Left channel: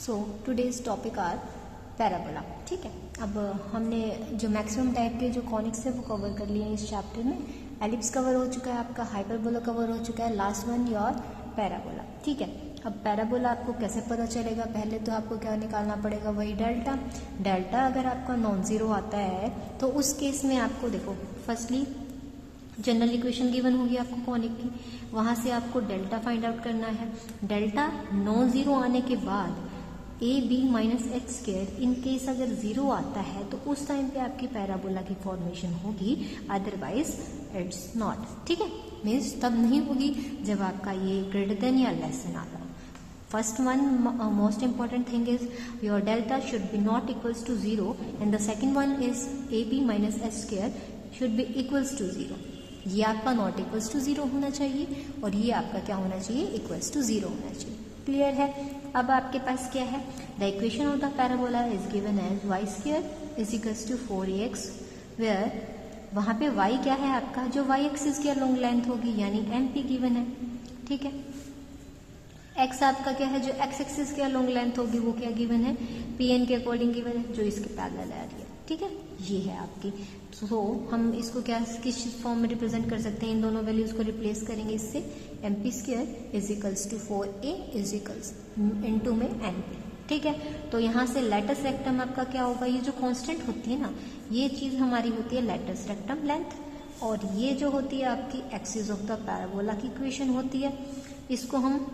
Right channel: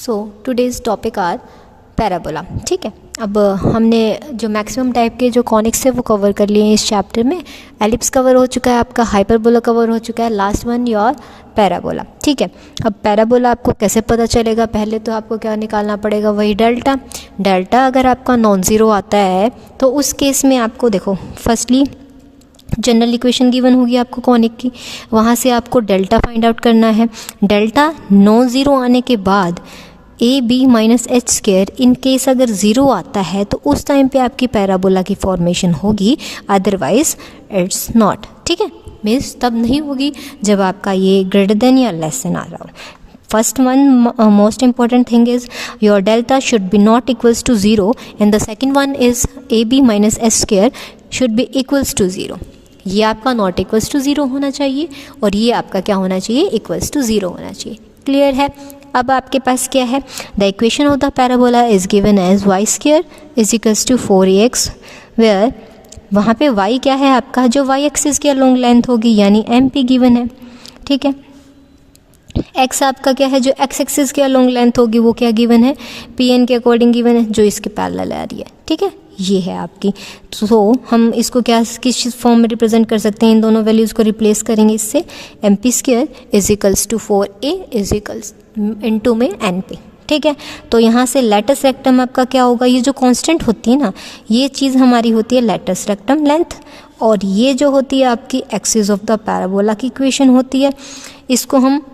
So today's topic are parabola. ठीक है, अब हमने जो मैक्सिमम टाइप के जो कॉनिक्स है वो कवर कर लिए हैं इस चैप्टर में। एलिप्स कवर हो चुका है, आपका हाइपरबोला कवर हो चुका है, लास्ट वन योर पैराबोला। ठीक है, अब पैराबोला आपको कैसे पता चलेगा? पहले तो आपको क्या निकालना पड़ेगा, वही डेल्टा। डेल्टा अगर आपका नॉन ज़ीरो आता है तो उस केस में आपको देखो, फर्स्टली जनरल इक्वेशन गिवन होगी आपको कॉनिक की, वहाँ से आपको डेल्टा फाइंड आउट करना है। डेल्टा नॉन ज़ीरो आने के बाद A B minus H square, in case अगर ज़ीरो आता है तो उस टाइम पे आपकी पैराबोला की फॉर्मेशन होगी, अदरवाइज इट्स नॉट। ठीक है, मीन्स तब नहीं होगी जब आपका ये ग्रेटर देन या लेस देन आ रहा हो। First one, most important thing is your delta should be not equals to 0, and the second one is AB minus S square should be equals to 0. ये आपका not equals to 0 होना चाहिए और ये आपका क्या होना चाहिए, equals to 0 होना चाहिए। क्लियर है? अब आपके पास क्या है, the equation of the parabola is given as y square is equals to 4ax, where वहाँ पे y क्या है आपका, जो y एक्सिस की लॉन्ग लेंथ होगी यानी mp गिवन है। ठीक है, x आपका क्या है, जो x एक्सिस की लॉन्ग लेंथ होगी वो क्या गिवन है, pn के अकॉर्डिंग गिवन है, जो इसके पैरेलल आ रही है। ठीक है, ये है आपकी। तो हम इसको क्या किस फॉर्म में रिप्रेजेंट कर सकते हैं, इन दोनों वैल्यूज़ को रिप्लेस करेंगे इससे, mp square is equals to 4a is equals into में np। ठीक है, तो यहाँ से लेटस रेक्टम आपका क्या होगा, ये जो कांस्टेंट होती है ना, ये चीज़ हमारी होती है लेटस रेक्टम लेंथ, और ये जो होती है आपकी एक्सिस ऑफ द पैराबोला की इक्वेशन होती है, इसको हम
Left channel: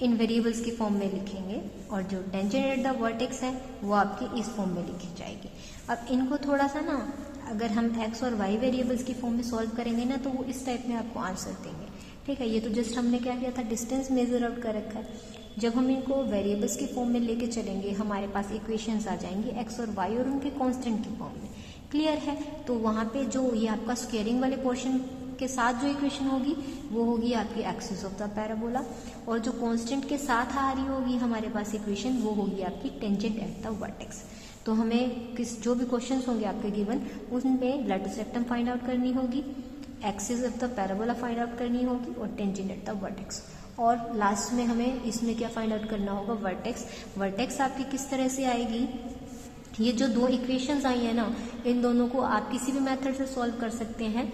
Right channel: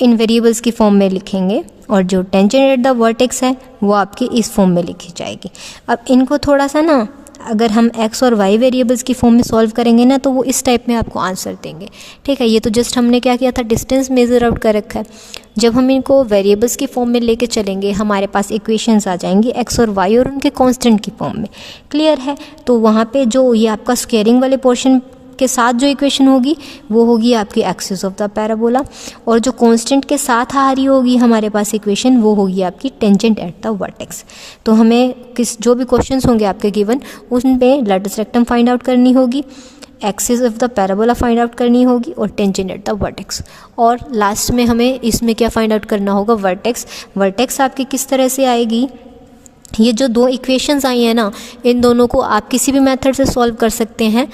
इन वेरिएबल्स की फॉर्म में लिखेंगे, और जो टेंजेंट एट द वर्टेक्स है वो आपकी इस फॉर्म में लिखी जाएगी। अब इनको थोड़ा सा ना, अगर हम x और y वेरिएबल्स की फॉर्म में सॉल्व करेंगे ना, तो वो इस टाइप में आपको आंसर देंगे। ठीक है, ये तो जस्ट हमने क्या किया था, डिस्टेंस मेजर आउट कर रखा है। जब हम इनको वेरिएबल्स की फॉर्म में लेके चलेंगे, हमारे पास इक्वेशंस आ जाएंगी x और y और उनके कांस्टेंट की फॉर्म में। क्लियर है? तो वहाँ पे जो ये आपका स्क्वेयरिंग वाले पोर्शन के साथ जो इक्वेशन होगी वो होगी आपकी एक्सिस ऑफ द पैराबोला, और जो कांस्टेंट के साथ आ रही होगी हमारे पास इक्वेशन वो होगी आपकी टेंजेंट एट द वर्टेक्स। तो हमें जो भी क्वेश्चंस होंगे आपके गिवन, उन पे लेटस रेक्टम फाइंड आउट करनी होगी, axis of the parabola find out करनी होगी, और टेंजेंट एट द वर्टेक्स, और लास्ट में हमें इसमें क्या फाइंड आउट करना होगा, वर्टेक्स। वर्टेक्स आपकी किस तरह से आएगी, ये जो दो इक्वेशंस आई हैं ना, इन दोनों को आप किसी भी मेथड से सॉल्व कर सकते हैं।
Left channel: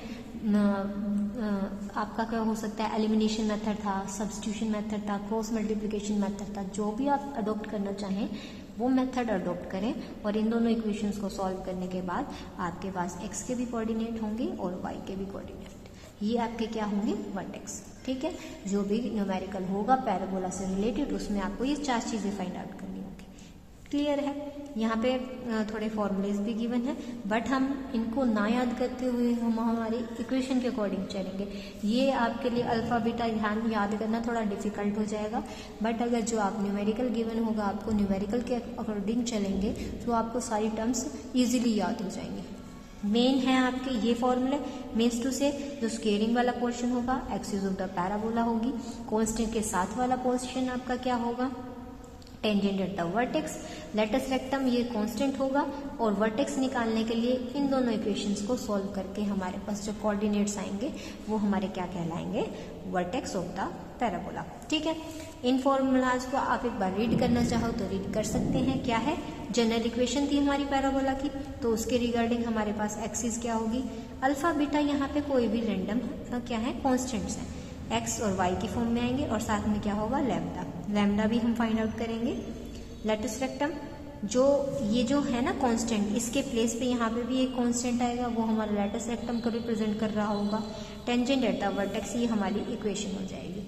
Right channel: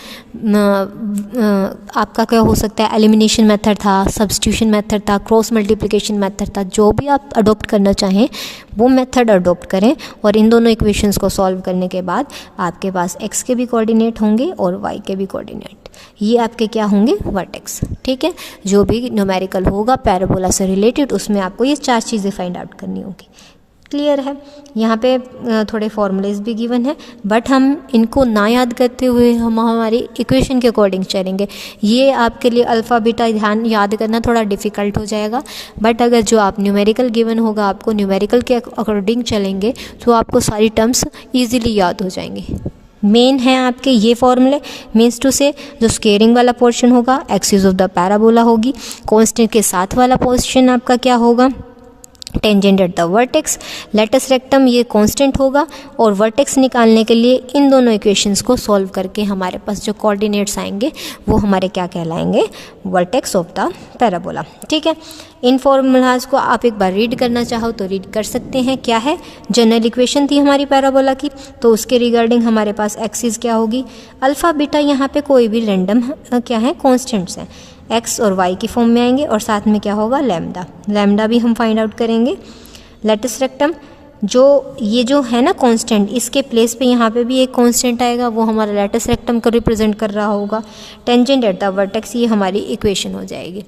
आपका क्या हो सकता है, एलिमिनेशन मेथड था, सब्स्टिट्यूशन मेथड था, क्रॉस मल्टीप्लिकेशन मेथड था, जो भी आप अडोप्ट करना चाहें वो मेथड अडोप्ट करें, और इन दोनों इक्वेशंस को सॉल्व करने के बाद आपके पास x के भी कोऑर्डिनेट होंगे और y के भी कोऑर्डिनेट, ये आपके क्या होंगे, वर्टेक्स। ठीक है, जो भी न्यूमेरिकल होगा पैराबोला से रिलेटेड, उसमें आपको ये चार चीज़ें फाइंड आउट करनी होगी। क्लियर है? यहाँ पे थोड़े फॉर्मूलेज भी गिवन है, बट हम इनको ना याद करते हुए हम हमारी इक्वेशन के अकॉर्डिंग चलेंगे। ये आपके लिए अल्फ़ा बीटा ध्यान याद करना थोड़ा डिफ़िकल्ट हो जाएगा, बट अगर जो आप न्यूमेरिकल गिवन होगा, आपको न्यूमेरिकल के अकॉर्डिंग चलेंगे तो आपको सारी टर्म्स ईजिली याद हो जाएंगे। मेन है आपके ये फॉर्मूले, मीन्स टू से जो स्केयरिंग वाला पोर्शन होगा एक्सिस ऑफ द पैराबोला होगी, कांस्टेंट के साथ वाला पोर्शन आपका क्या होगा, tangent at the vertex, latus rectum ये कांस्टेंट होगा, और वर्टेक्स निकालने के लिए इन दोनों इक्वेशंस को सॉल्व करके हमारे पास जो कोऑर्डिनेट्स आएंगे वो हमारे क्या कहलाएंगे, वर्टेक्स ऑफ द पैराबोला। ठीक है, इन फॉर्मूलाज को आप एक बार रीड करना चाहो तो रीड कर सकते हैं। क्या है, जनरल इक्वेशन थी हमारी पैराबोला की, तो उसके रिगार्डिंग हमारे पास एक्सिस क्या होगी, अल्फ़ा बीटा, यहाँ पे कोई भी रैंडम क्या है, कॉन्स्टेंट्स हैं, x और y की फॉर्म में आएंगे, और साथ में क्या होगा, लैम्डा। लैम्डा भी हम फाइंड आउट करेंगे। लेटस रेक्टम, जो ये जो है ना कांस्टेंट, इसके प्लेस पे यहाँ पे भी एक कांस्टेंट आएगा, वो हमारा लेटस रेक्टम को रिप्रेजेंट कर रहा होगा। टेंजेंट एट द वर्टेक्स, ये हमारी इक्वेशन हो जाएगी।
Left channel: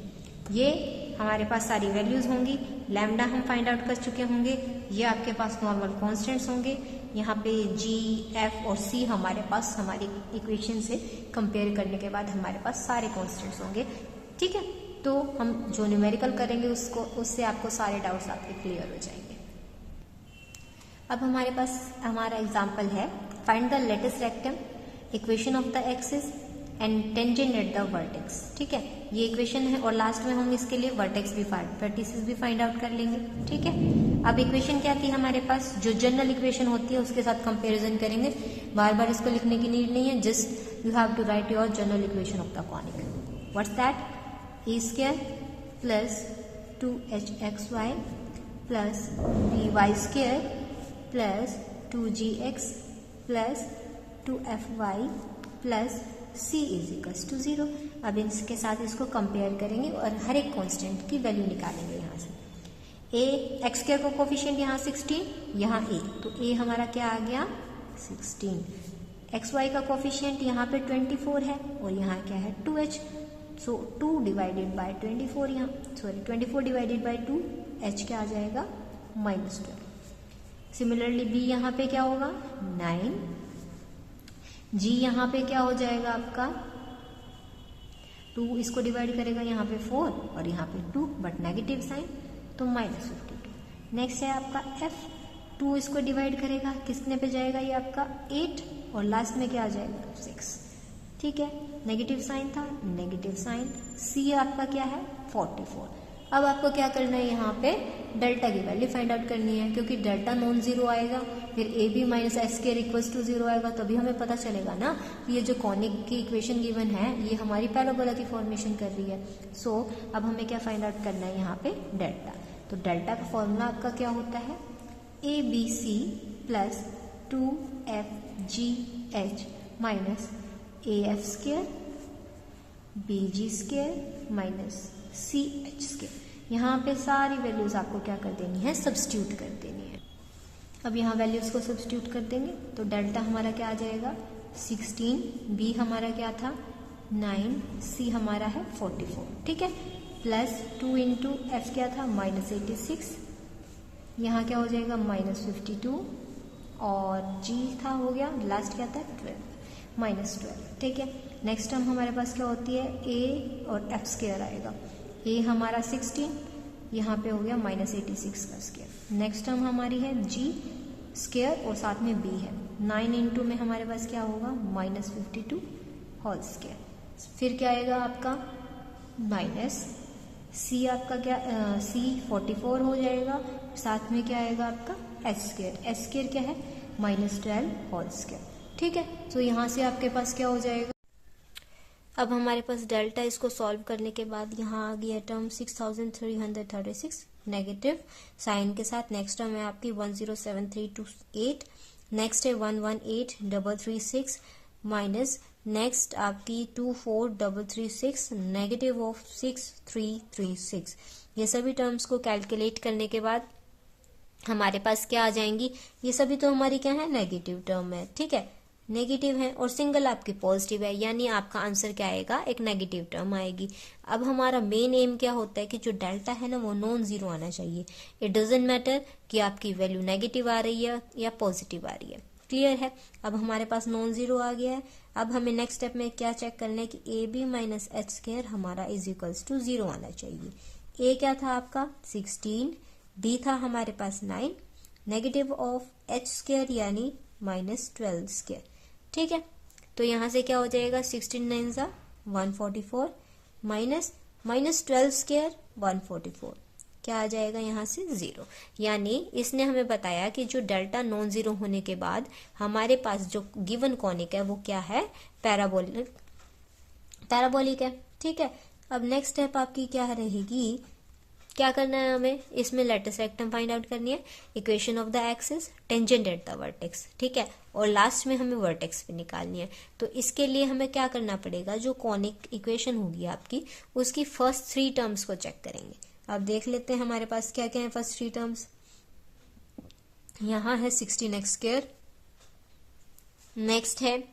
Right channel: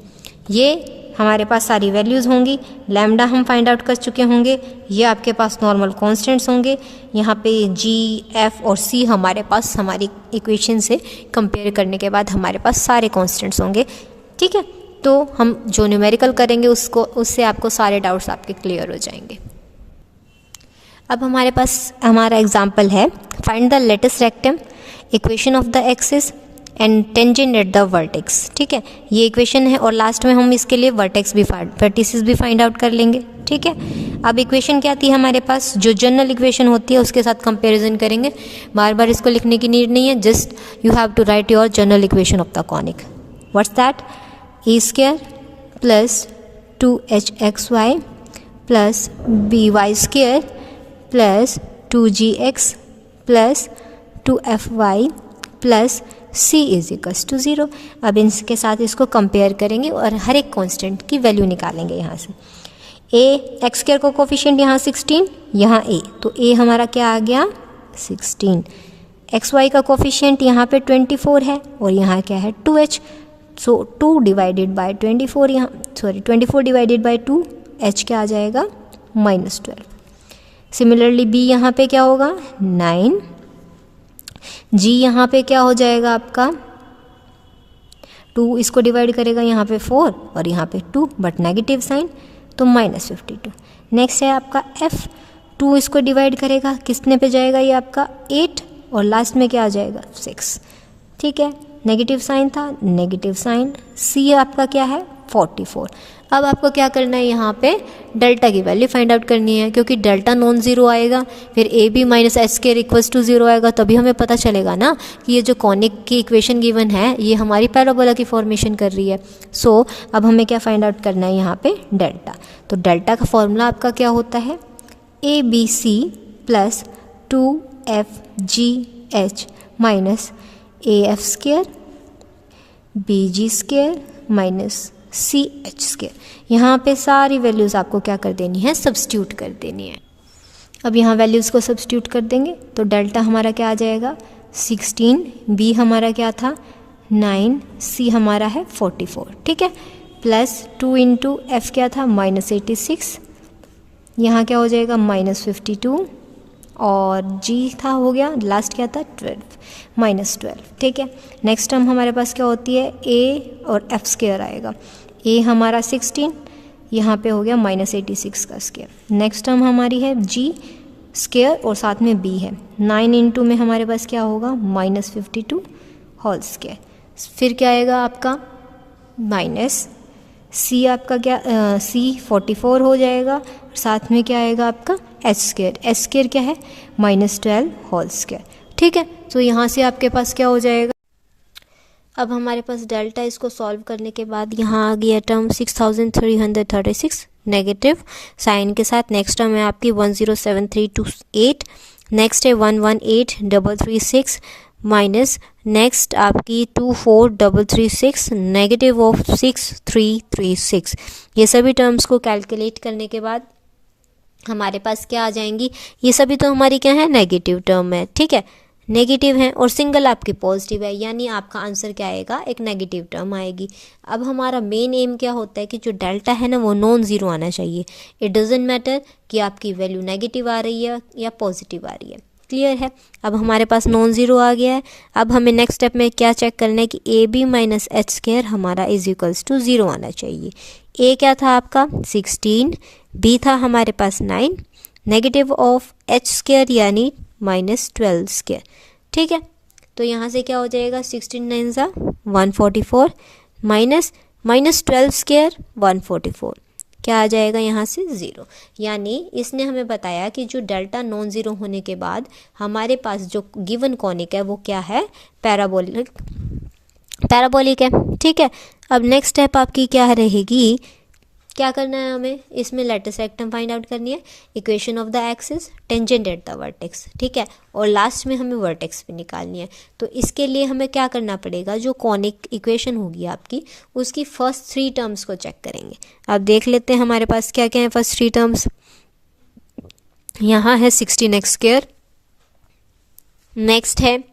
ये हमारे पास सारी वैल्यूज़ होंगी। लैम्डा हम फाइंड आउट कर चुके होंगे, ये आपके पास नॉर्मल कांस्टेंट्स होंगे। यहाँ पे g, f और c हमारे पास हमारी इक्वेशन से कंपेयर करने के बाद हमारे पास सारे कांस्टेंट्स होंगे। ठीक है, तो हम जो न्यूमेरिकल करेंगे उससे आपको सारे डाउट्स आपके क्लियर हो जाएंगे। अब हमारे पास हमारा एग्जाम्पल है, find the latus rectum, equation of the axis and tangent at the vertex. ठीक है, ये इक्वेशन है, और लास्ट में हम इसके लिए वर्टेक्स भी वर्टिसेस भी फाइंड आउट कर लेंगे। ठीक है, अब इक्वेशन क्या आती है हमारे पास, जो जनरल इक्वेशन होती है उसके साथ कंपैरिजन करेंगे। बार बार इसको लिखने की नीड नहीं है, just you have to write your general equation of the conic. What's that, A square plus 2hxy plus B Y square plus 2gx plus 2fy plus c is equals to 0। अब इनके साथ इसको compare करेंगे और हर एक constant की value निकालेंगे यहाँ से। a एक्स स्क्वायर का कोफिशिएंट यहाँ 16, यहाँ a, तो a हमारा क्या आ गया 16। एक्स वाई का कोफिशिएंट यहाँ पे 24 है और यहाँ क्या है 2h, सो 2 डिवाइडेड बाय 24, यहाँ 24 डिवाइडेड बाय 2, h क्या आ जाएगा -12। सिमिलरली b यहाँ पे क्या होगा 9, g यहाँ पे क्या हो जाएगा आपका 2, इसको डिवाइड करेगा यहाँ पे 4 और यहाँ पे 2, बट नेगेटिव साइन तो -52। नेक्स्ट है आपका f, 2 इसको डिवाइड करेगा किसने पे जाएगा ये आपका 8 और लास्ट में क्या आ जाएगा 6। ठीक है, नेगेटिव साइन था, नेगेटिव साइन, c आपका क्या है 44। अब आपको क्या करना है यहाँ पे डेल्टा की वैल्यू फाइंड आउट करनी है, क्योंकि डेल्टा नॉन ज़ीरो आएगा फिर A B minus H square equals to 0 आएगा, तभी हमें पता चलेगा ना कि ये जो कॉनिक की इक्वेशन गिवन है ये हमारी पैराबोला की फॉर्मेशन कर रही है। सो अब हमें क्या फाइंड आउट करना है यहाँ पे डेल्टा। तो डेल्टा का फॉर्मूला आपका क्या होता है A B C plus 2fgh minus A F square B G square minus C H square. यहाँ पे सारी वैल्यूज़ आपको क्या कर देनी है सब्स्टिट्यूट कर देनी है। अब यहाँ वैल्यूज़ को सब्स्टिट्यूट कर देंगे तो डेल्टा हमारा क्या आ जाएगा 16, बी हमारा क्या था 9, सी हमारा है 44। ठीक है, प्लस 2 इंटू एफ क्या था -86, यहाँ क्या हो जाएगा -52 और g था हो गया लास्ट क्या था 12। ठीक है, नेक्स्ट टर्म हमारे पास क्या होती है a और f स्क्वायर आएगा। a हमारा 16, यहाँ पे हो गया -86 का स्क्वायर। नेक्स्ट टर्म हमारी है g स्क्वायर और साथ में b है, 9 इंटू में हमारे पास क्या होगा -52 होल स्क्वायर। फिर क्या आएगा आपका माइनस c आपका क्या c 44 हो जाएगा, साथ में क्या आएगा आपका एच स्क्वायर क्या है -12 होल स्क्वायर। ठीक है, तो यहाँ से आपके पास क्या हो जाएगा, अब हमारे पास डेल्टा, इसको सॉल्व करने के बाद यहाँ आ गया टर्म 6336 नेगेटिव साइन के साथ। नेक्स्ट टर्म है आपकी 107328, नेक्स्ट है 118336 माइनस नेक्स्ट आपकी 24336 नेगेटिव ऑफ 6336। ये सभी टर्म्स को कैलकुलेट करने के बाद हमारे पास क्या आ जाएंगी, ये सभी तो हमारी क्या है नेगेटिव टर्म है। ठीक है, नेगेटिव है और सिंगल आपकी पॉजिटिव है, यानी आपका आंसर क्या आएगा एक नेगेटिव टर्म आएगी। अब हमारा मेन एम क्या होता है कि जो डेल्टा है ना वो नॉन ज़ीरो आना चाहिए। इट डजेंट मैटर कि आपकी वैल्यू नेगेटिव आ रही है या पॉजिटिव आ रही है। क्लियर है, अब हमारे पास नॉन ज़ीरो आ गया है। अब हमें नेक्स्ट स्टेप में क्या चेक करना है कि A B minus H square हमारा इज इक्वल्स टू 0 आना चाहिए। ए क्या था आपका 16, बी था हमारे पास 9, नेगेटिव ऑफ एच स्क्वायर यानी -12 स्क्वायर। ठीक है, तो यहाँ से क्या हो जाएगा 16 9 144 माइनस -12 स्क्वायर 144, क्या आ जाएगा यहाँ से 0। यानी इसने हमें बताया कि जो डेल्टा नॉन ज़ीरो होने के बाद हमारे पास जो गिवन कॉनिक है वो क्या है पैराबोलिक है। ठीक है, अब नेक्स्ट स्टेप आपकी क्या रहेगी, क्या करना है हमें इसमें लेटेस्ट रेक्टम फाइंड आउट करनी है, equation of the axis, tangent at the vertex. ठीक है, और लास्ट में हमें वर्टेक्स पे निकालनी है। तो इसके लिए हमें क्या करना पड़ेगा, जो कॉनिक इक्वेशन होगी आपकी उसकी फर्स्ट 3 टर्म्स को चेक करेंगे। अब देख लेते हैं हमारे पास क्या क्या है फर्स्ट 3 टर्म्स। यहाँ है 16x स्क्वायर, नेक्स्ट है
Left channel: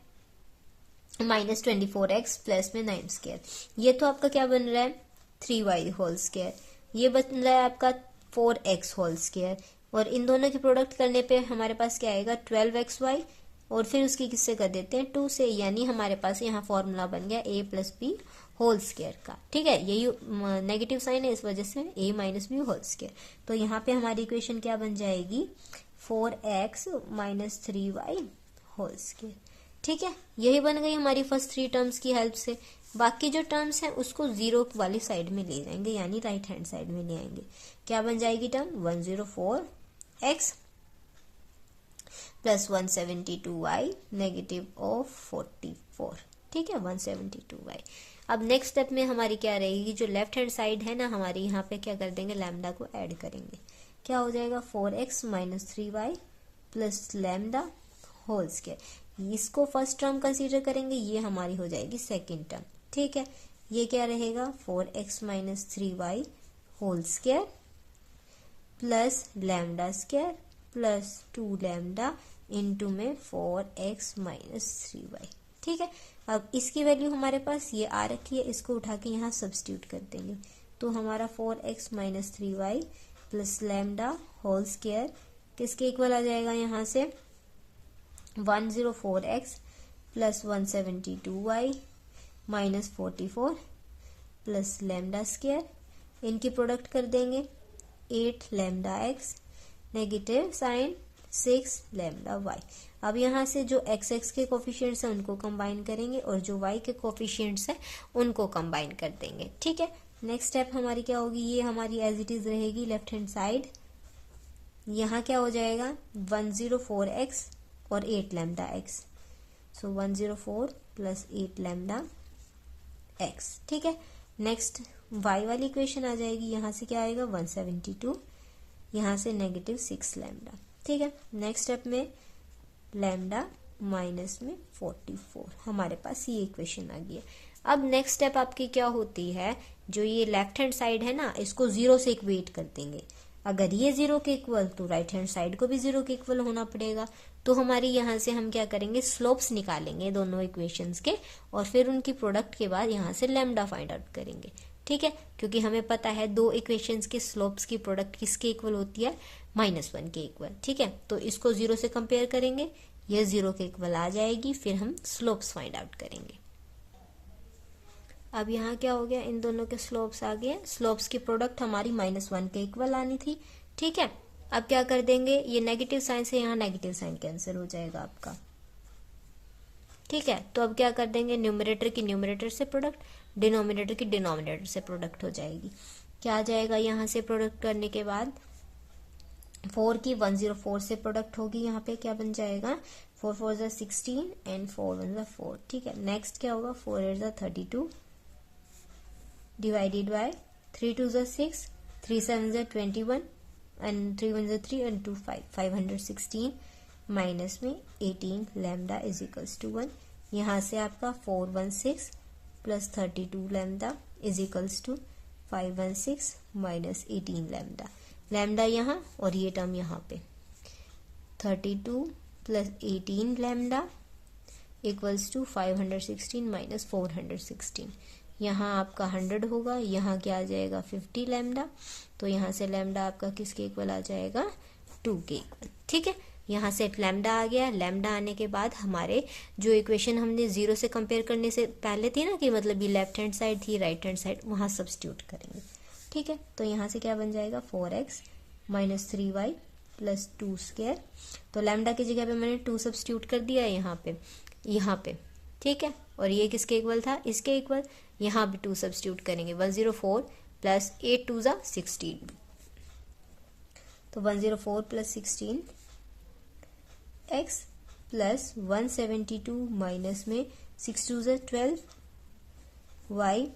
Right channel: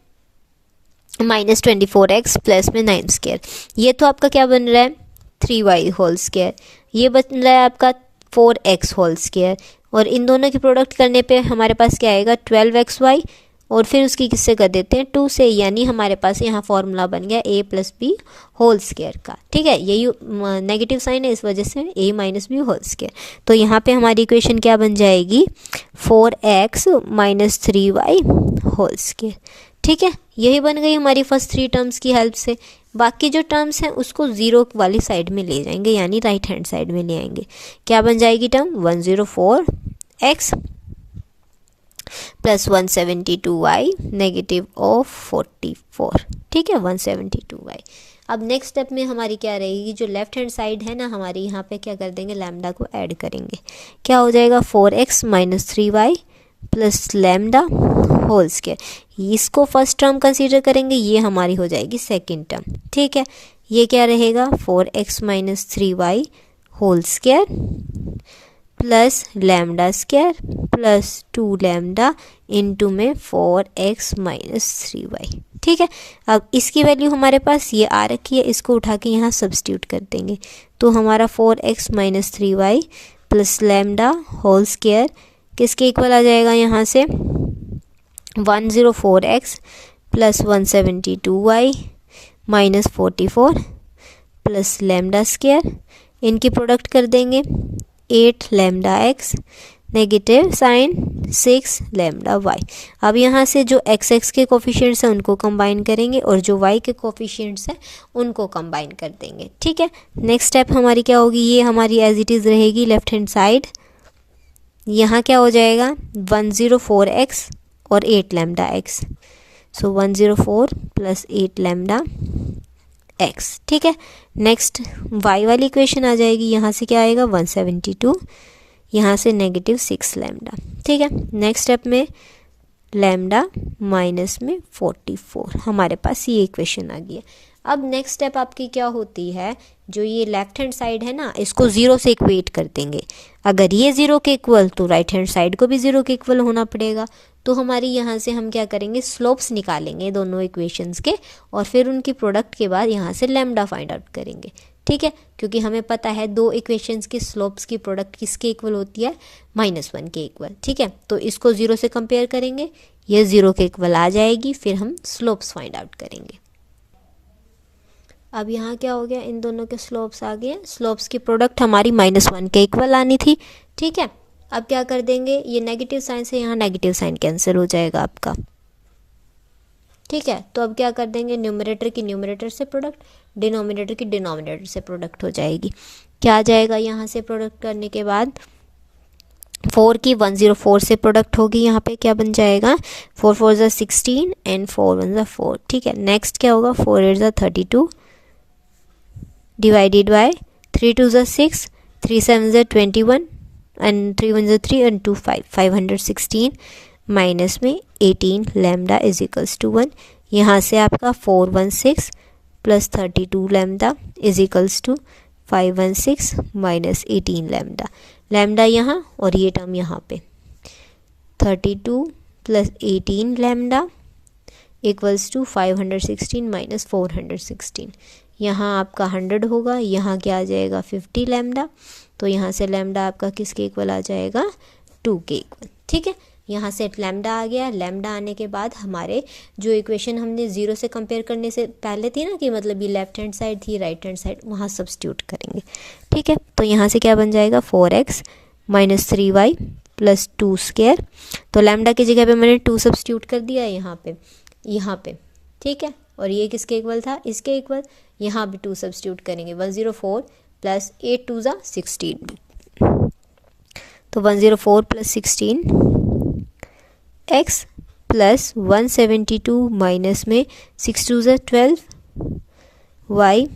-24x प्लस में 9 स्क्वायर, ये तो आपका क्या बन रहा है 3y होल स्क्वायर, ये बन रहा है आपका 4x होल स्क्वायर, और इन दोनों की प्रोडक्ट करने पे हमारे पास क्या आएगा 12xy, और फिर उसकी किससे कर देते हैं 2 से, यानी हमारे पास यहाँ फॉर्मूला बन गया a + b होल स्क्वायर का। ठीक है, यही नेगेटिव साइन है इस वजह से a - b होल स्क्वायर। तो यहाँ पे हमारी इक्वेशन क्या बन जाएगी 4x - 3y होल स्क्वायर। ठीक है, यही बन गई हमारी फर्स्ट 3 टर्म्स की हेल्प से। बाकी जो टर्म्स हैं उसको 0 वाली साइड में ले जाएंगे, यानी राइट हैंड साइड में ले आएंगे। क्या बन जाएगी term 104x plus 172y negative of 44। ठीक है, 172y। अब नेक्स्ट स्टेप में हमारी क्या रहेगी, जो लेफ्ट हैंड साइड है ना हमारी, यहाँ पे क्या कर देंगे, लैम्डा को ऐड करेंगे। क्या हो जाएगा, 4x minus 3y plus lambda whole square. इसको फर्स्ट टर्म कंसीडर करेंगे, ये हमारी हो जाएगी सेकेंड टर्म। ठीक है, ये क्या रहेगा, 4x minus 3y whole square plus lambda square plus 2 lambda into में 4x माइनस 3y। ठीक है, अब इसकी वैल्यू हमारे पास ये आ रखी है, इसको उठा के यहाँ सब्स्टिट्यूट कर देंगे, तो हमारा 4x minus 3y plus lambda whole square किसके इक्वल आ जाएगा, यहाँ से 104x plus 172y minus 44 plus lambda square, इनकी प्रोडक्ट कर देंगे 8 lambda x negative sign 6 lambda y। अब यहाँ से जो x के कोफिशिएंट्स हैं उनको कंबाइन करेंगे और जो y के कोफिशिएंट्स हैं उनको कंबाइन कर देंगे। ठीक है, नेक्स्ट स्टेप हमारी क्या होगी, ये हमारी एज इट इज़ रहेगी लेफ्ट हैंड साइड। यहाँ क्या हो जाएगा, 104x और 8 लैम्डा x, सो 104 प्लस 8 लैम्डा x। ठीक है, नेक्स्ट y वाली इक्वेशन आ जाएगी, यहाँ से क्या आएगा 172, यहाँ से नेगेटिव 6 लैम्डा। ठीक है, नेक्स्ट स्टेप में लैम्डा माइनस में 44, हमारे पास ये इक्वेशन आ गई है। अब नेक्स्ट स्टेप आपकी क्या होती है, जो ये लेफ्ट हैंड साइड है ना, इसको ज़ीरो से इक्वेट कर देंगे। अगर ये ज़ीरो के इक्वल तो राइट हैंड साइड को भी ज़ीरो के इक्वल होना पड़ेगा। तो हमारी यहाँ से हम क्या करेंगे, स्लोप्स निकालेंगे दोनों इक्वेशंस के और फिर उनकी प्रोडक्ट के बाद यहाँ से लैम्डा फाइंड आउट करेंगे। ठीक है, क्योंकि हमें पता है दो इक्वेशंस की स्लोप्स की प्रोडक्ट किसके इक्वल होती है, -1 के इक्वल। ठीक है, तो इसको ज़ीरो से कंपेयर करेंगे, ये ज़ीरो के इक्वल आ जाएगी, फिर हम स्लोप्स फाइंड आउट करेंगे। अब यहाँ क्या हो गया, इन दोनों के स्लोप्स आ गए, स्लोप्स की प्रोडक्ट हमारी -1 के इक्वल आनी थी। ठीक है, अब क्या कर देंगे, ये नेगेटिव साइन से यहाँ नेगेटिव साइन कैंसिल हो जाएगा आपका। ठीक है, तो अब क्या कर देंगे, न्यूमरेटर की न्यूमरेटर से प्रोडक्ट, डिनोमिनेटर की डिनोमिनेटर से प्रोडक्ट हो जाएगी। क्या आ जाएगा, यहाँ से प्रोडक्ट करने के बाद 4 की 104 से प्रोडक्ट होगी, यहाँ पे क्या बन जाएगा, 4 4 ज़ा 16 एंड 4 1 ज़ा 4। ठीक है, नेक्स्ट क्या होगा, 4 8 ज़ा 32 डिवाइडेड बाय 3 2 ज़ा 6 3 7 ज़ा 21 एंड 3 1 ज़ा 3 एंड 2 5 516 माइनस में 18 लैम्डा इज इक्वल्स टू 1। यहाँ से आपका 416 plus 32 lambda is equals to 516 minus 18 lambda. Lambda यहाँ और ये टर्म यहाँ पे 32 plus 18 lambda equals to 516 minus 416। यहाँ आपका 100 होगा, यहाँ क्या आ जाएगा 50 लैम्डा, तो यहाँ से लैम्डा आपका किसके इक्वल आ जाएगा, 2 के इक्वल। ठीक है, यहाँ से लैम्डा आ गया। लैम्डा आने के बाद हमारे जो इक्वेशन हमने ज़ीरो से कंपेयर करने से पहले थी ना, कि मतलब ये लेफ्ट हैंड साइड थी राइट हैंड साइड, वहाँ सब्स्टिट्यूट करेंगे। ठीक है, तो यहाँ से क्या बन जाएगा, 4x minus 3y plus 2 square. तो लैम्डा की जगह पे मैंने 2 सब्स्टिट्यूट कर दिया है यहाँ पे। ठीक है, और ये किसके इक्वल था, इसके इक्वल। यहाँ भी 2 सब्स्टिट्यूट करेंगे, 104 प्लस 8 2 ज़ा 16, तो 104 प्लस 16 x प्लस 172 माइनस में 6 2 ज़ा 12 y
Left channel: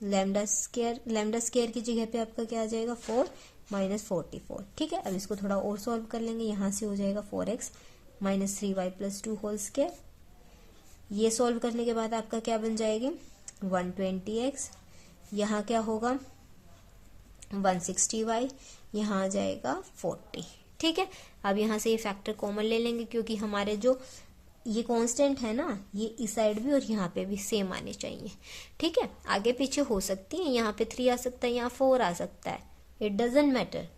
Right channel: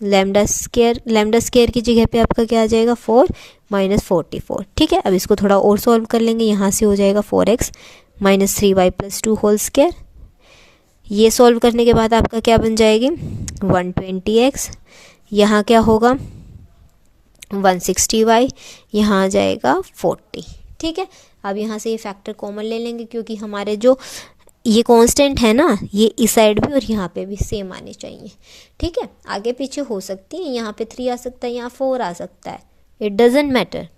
लैम्डा स्क्वायर की जगह पे आपका क्या आ जाएगा, 4 माइनस 44। ठीक है, अब इसको थोड़ा और सॉल्व कर लेंगे। यहाँ से हो जाएगा 4x minus 3y plus 2 whole square. ये सॉल्व करने के बाद आपका क्या बन जाएगी, 120x, यहाँ क्या होगा 160y, यहाँ आ जाएगा 40। ठीक है, अब यहाँ से ये फैक्टर कॉमन ले लेंगे, क्योंकि हमारे जो ये कांस्टेंट है ना, ये इस साइड भी और यहाँ पे भी सेम आने चाहिए। ठीक है, आगे पीछे हो सकती है, यहाँ पे 3 आ सकता है, यहाँ 4 आ सकता है, इट डजेंट मैटर,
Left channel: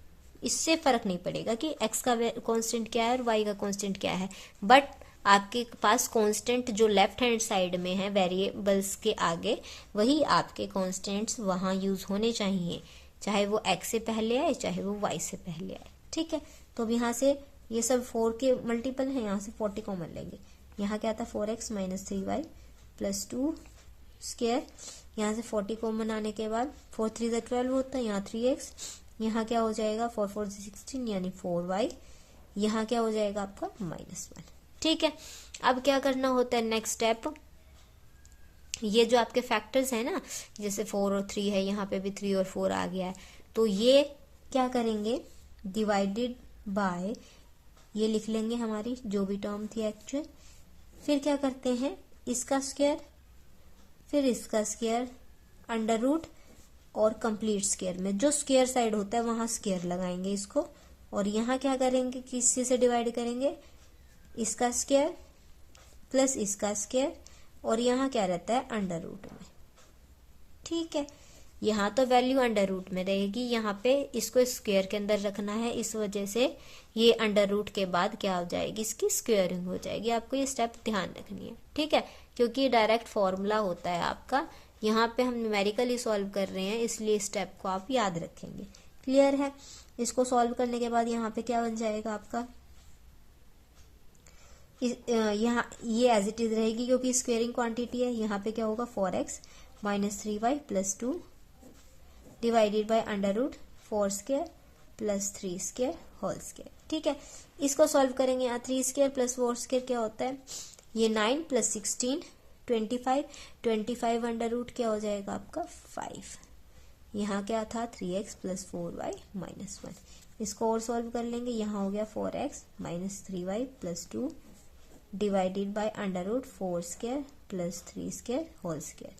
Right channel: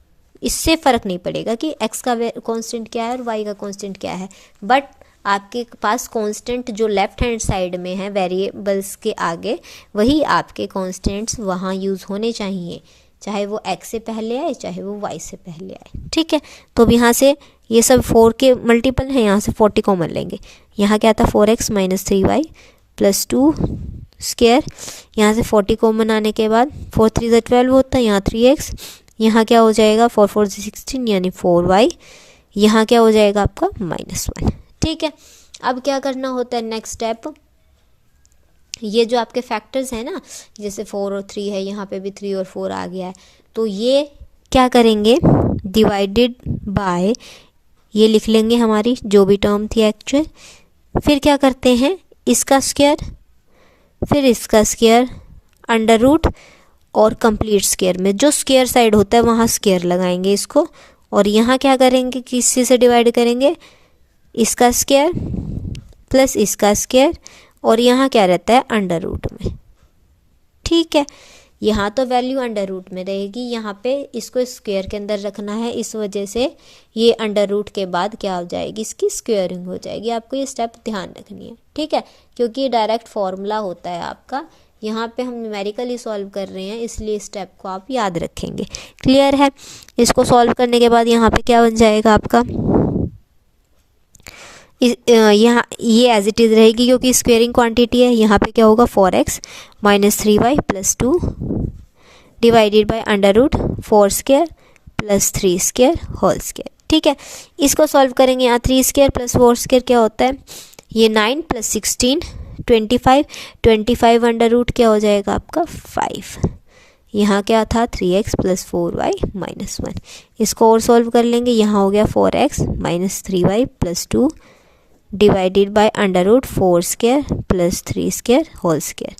इससे फ़र्क नहीं पड़ेगा कि x का कांस्टेंट क्या है और y का कांस्टेंट क्या है। बट आपके पास कांस्टेंट जो लेफ्ट हैंड साइड में है वेरिएबल्स के आगे, वही आपके कांस्टेंट्स वहाँ यूज़ होने चाहिए, चाहे वो x से पहले आए चाहे वो y से पहले आए। ठीक है, तो अब यहाँ से ये सब 4 के मल्टीपल है, यहाँ से 40 कॉमन लेंगे। यहाँ क्या था, 4x minus 3y plus 2 square. यहाँ से 40 कॉमन आने के बाद 4 3 ज़ा 12 होता है, यहाँ 3x, यहाँ क्या हो जाएगा 4 4 ज़ा 16 यानी 4y, यहाँ क्या हो जाएगा आपका -1। ठीक है, अब क्या करना होता है, नेक्स्ट स्टेप ये जो आपके फैक्टर्स हैं ना, जैसे 4 और 3 है, यहाँ पे भी 3 और 4 आ गया है, तो ये क्या करेंगे, डिवाइडेड बाय, ये लिख लेंगे हमारी जो भी टर्म थी एक्चुअल, फिर क्या करते हैं, इसका स्क्वायर, फिर इसका स्क्वायर, अंडर रूट, और कंप्लीट स्क्वायर में जो स्क्वायर साइड होता है वहाँ स्क्वायर लगाएंगे इसको, और यहाँ क्या करेंगे, किसी से डिवाइड करेंगे, इसका स्क्वायर प्लस इसका स्क्वायर, और यहाँ क्या रहता है, अंडर रूट में। ठीक है, यहाँ तो वैल्यू अंडर रूट में रहेगी, यहाँ पे इसको स्क्वायर के अंदर रखना है, इस वजह से ये अंडर रूट के बाद क्या हो जाएगी, इसकी स्क्वायरिंग हो जाएगी। आपको ये स्टेप ध्यान रखनी है, ठीक है, क्योंकि ये डायरेक्ट फॉर्मूला होता है आपका, यहाँ पे हम न्यूमेरिकली सॉल्व कर रहे हैं, इसलिए स्टेप को आप याद रखेंगे। क्लियर है। इसको सॉल्व करने के बाद यहाँ पे क्या बन जाएगा आपका, यहाँ ये एज इट इज़ रहेगी क्योंकि स्क्वेयरिंग क्वांटिटी है। यहाँ पे क्या होगा, 4x minus 3y plus 2 divided by under root 4 square plus 3 square whole square. ठीक है, इसको सॉल्व करेंगे। यहाँ 3 स्क्वायर प्लस 4 स्क्वायर क्या होता है, ये 9 प्लस 16 25 अंडर रूट क्या हो जाएगा आपका 5। यहाँ क्या था 3x प्लस 4y माइनस 1। इसको और सॉल्व कर लेंगे। यहाँ हो गया 4x minus 3y plus 2 divided by under root 4 square plus 3 square whole square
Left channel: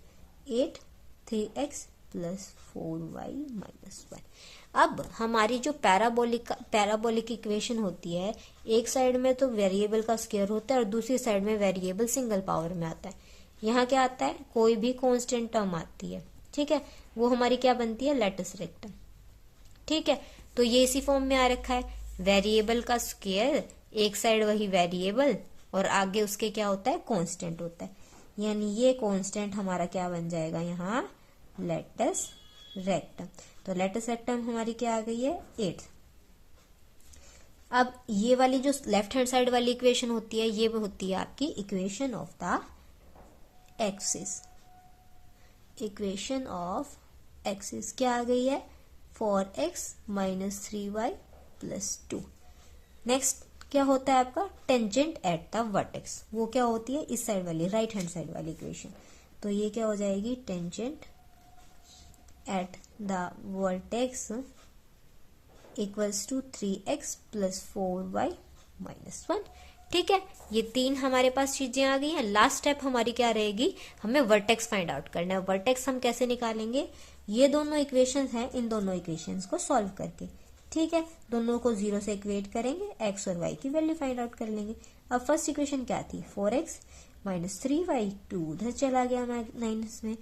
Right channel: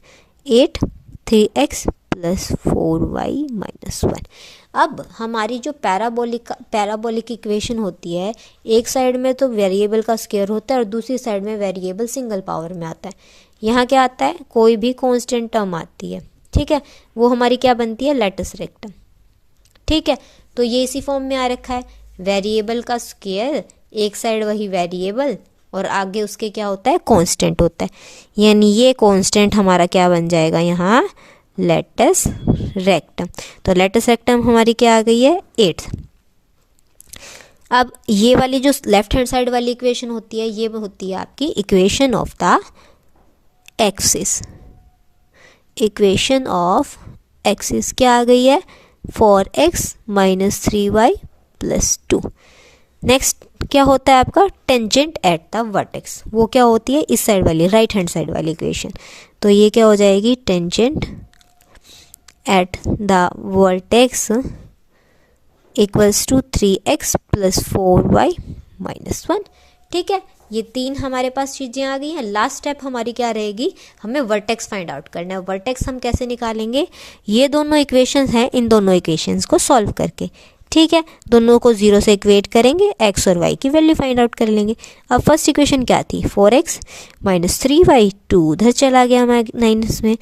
8 3x plus 4y minus 1। अब हमारी जो पैराबोलिक इक्वेशन होती है, एक साइड में तो वेरिएबल का स्क्वायर होता है और दूसरी साइड में वेरिएबल सिंगल पावर में आता है। यहाँ क्या आता है, कोई भी कांस्टेंट टर्म आती है, ठीक है, वो हमारी क्या बनती है, लैटिस रेक्टम। ठीक है, तो ये इसी फॉर्म में आ रखा है, वेरिएबल का स्क्वायर, एक साइड वही वेरिएबल और आगे उसके क्या होता है, कांस्टेंट होता है, यानी ये कांस्टेंट हमारा क्या बन जाएगा यहाँ, लैटिस रेक्टम। तो लैटिस रेक्टम हमारी क्या आ गई है, 8। अब ये वाली जो लेफ्ट हैंड साइड वाली इक्वेशन होती है, ये होती है आपकी equation of the axis. Equation of axis क्या आ गई है, 4x minus 3y plus 2। Next क्या होता है आपका, टेंजेंट एट द वर्टेक्स, वो क्या होती है, इस साइड वाली राइट हैंड साइड वाली इक्वेशन। तो ये क्या हो जाएगी, tangent at the vertex equals to 3x plus 4y minus 1। ठीक है, ये 3 हमारे पास चीज़ें आ गई हैं। लास्ट स्टेप हमारी क्या रहेगी, हमें वर्टेक्स फाइंड आउट करना है। वर्टेक्स हम कैसे निकालेंगे, ये दोनों इक्वेशंस हैं, इन दोनों इक्वेशंस को सॉल्व करके। ठीक है, दोनों को 0 से इक्वेट करेंगे, x और y की वैल्यू फाइंड आउट कर लेंगे। अब फर्स्ट इक्वेशन क्या थी, 4x माइनस 3y, 2 उधर चला गया माइनस में,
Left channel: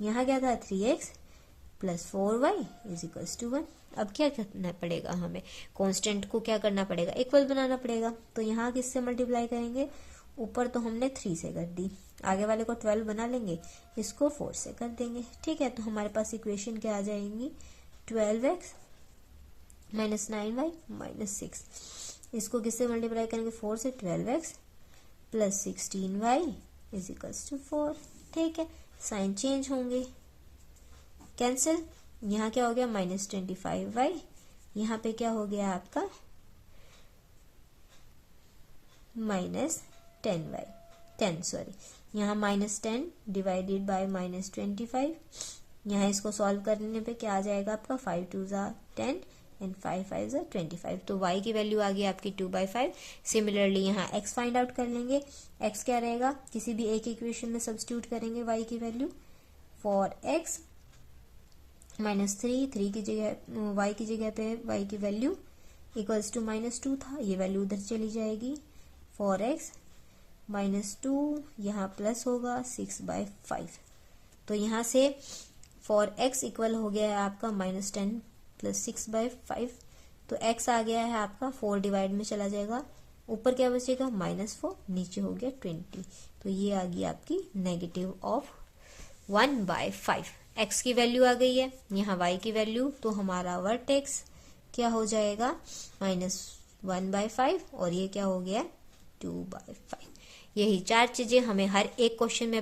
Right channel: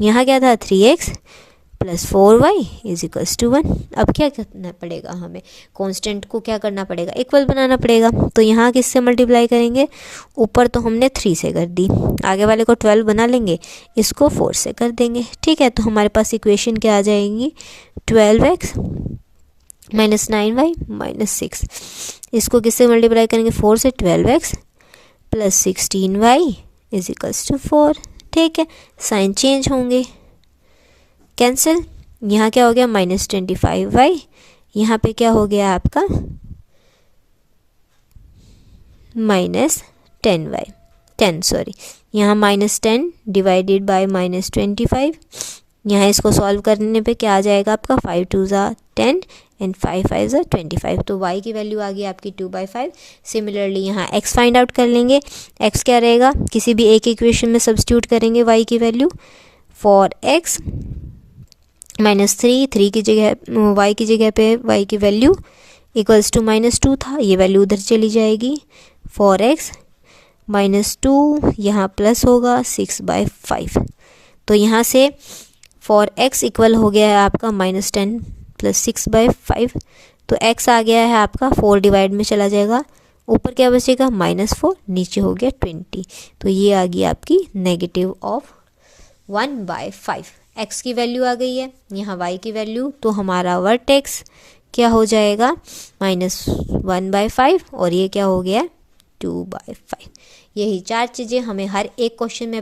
यहाँ क्या था 3x plus 4y is equals to 1। अब क्या करना पड़ेगा, हमें कांस्टेंट को क्या करना पड़ेगा, इक्वल बनाना पड़ेगा। तो यहाँ किससे मल्टीप्लाई करेंगे, ऊपर तो हमने 3 से कर दी, आगे वाले को 12 बना लेंगे, इसको 4 से कर देंगे। ठीक है, तो हमारे पास इक्वेशन क्या आ जाएगी, 12x माइनस 9y माइनस 6। इसको किससे मल्टीप्लाई करेंगे, 4 से, 12x plus 16y is equals to 4। ठीक है, साइन चेंज होंगे, कैंसिल। यहाँ क्या हो गया, माइनस 25y, यहाँ पे क्या हो गया आपका माइनस 10 यहाँ माइनस 10 डिवाइडेड बाय माइनस 25। यहाँ इसको सॉल्व करने पे क्या आ जाएगा आपका, 5 2 ज़ा 10 एंड 5 5 ज़ा 25। तो y की वैल्यू आ गई आपकी 2/5। सिमिलरली यहाँ x फाइंड आउट कर लेंगे। x क्या रहेगा, किसी भी एक इक्वेशन में सब्स्टिट्यूट करेंगे y की वैल्यू, 4x माइनस 3 की जगह y की जगह पे y की वैल्यू इक्वल्स टू माइनस 2 था, ये वैल्यू उधर चली जाएगी, 4x माइनस 2 यहाँ प्लस होगा 6/5। तो यहाँ से 4x इक्वल हो गया है आपका माइनस 10 प्लस 6/5। तो x आ गया है आपका 4 डिवाइड में चला जाएगा, ऊपर क्या बचेगा -4, नीचे हो गया 20। तो ये आ गई आपकी नेगेटिव ऑफ 1/5। x की वैल्यू आ गई है, यहाँ y की वैल्यू, तो हमारा वर्टेक्स क्या हो जाएगा -1/5 और ये क्या हो गया 2/5। यही 4 चीज़ें हमें हर एक क्वेश्चन में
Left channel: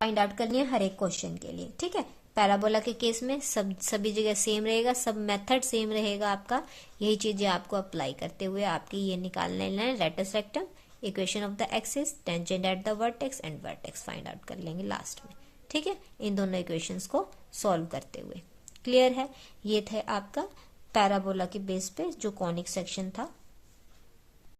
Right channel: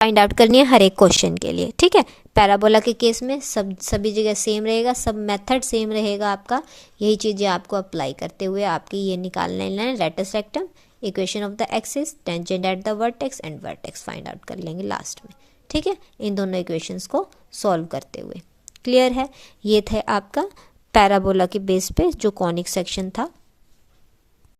फाइंड आउट करनी है, हर एक क्वेश्चन के लिए। ठीक है, पैराबोला के केस में सभी जगह सेम रहेगा, सब मेथड सेम रहेगा आपका। यही चीज़ें आपको अप्लाई करते हुए आपकी ये निकालना है, lattice rectum, equation of the axis, tangent at the vertex and vertex find out कर लेंगे लास्ट में। ठीक है, इन दोनों इक्वेशंस को सॉल्व करते हुए। क्लियर है, ये थे आपका पैराबोला के बेस पे जो कॉनिक सेक्शन था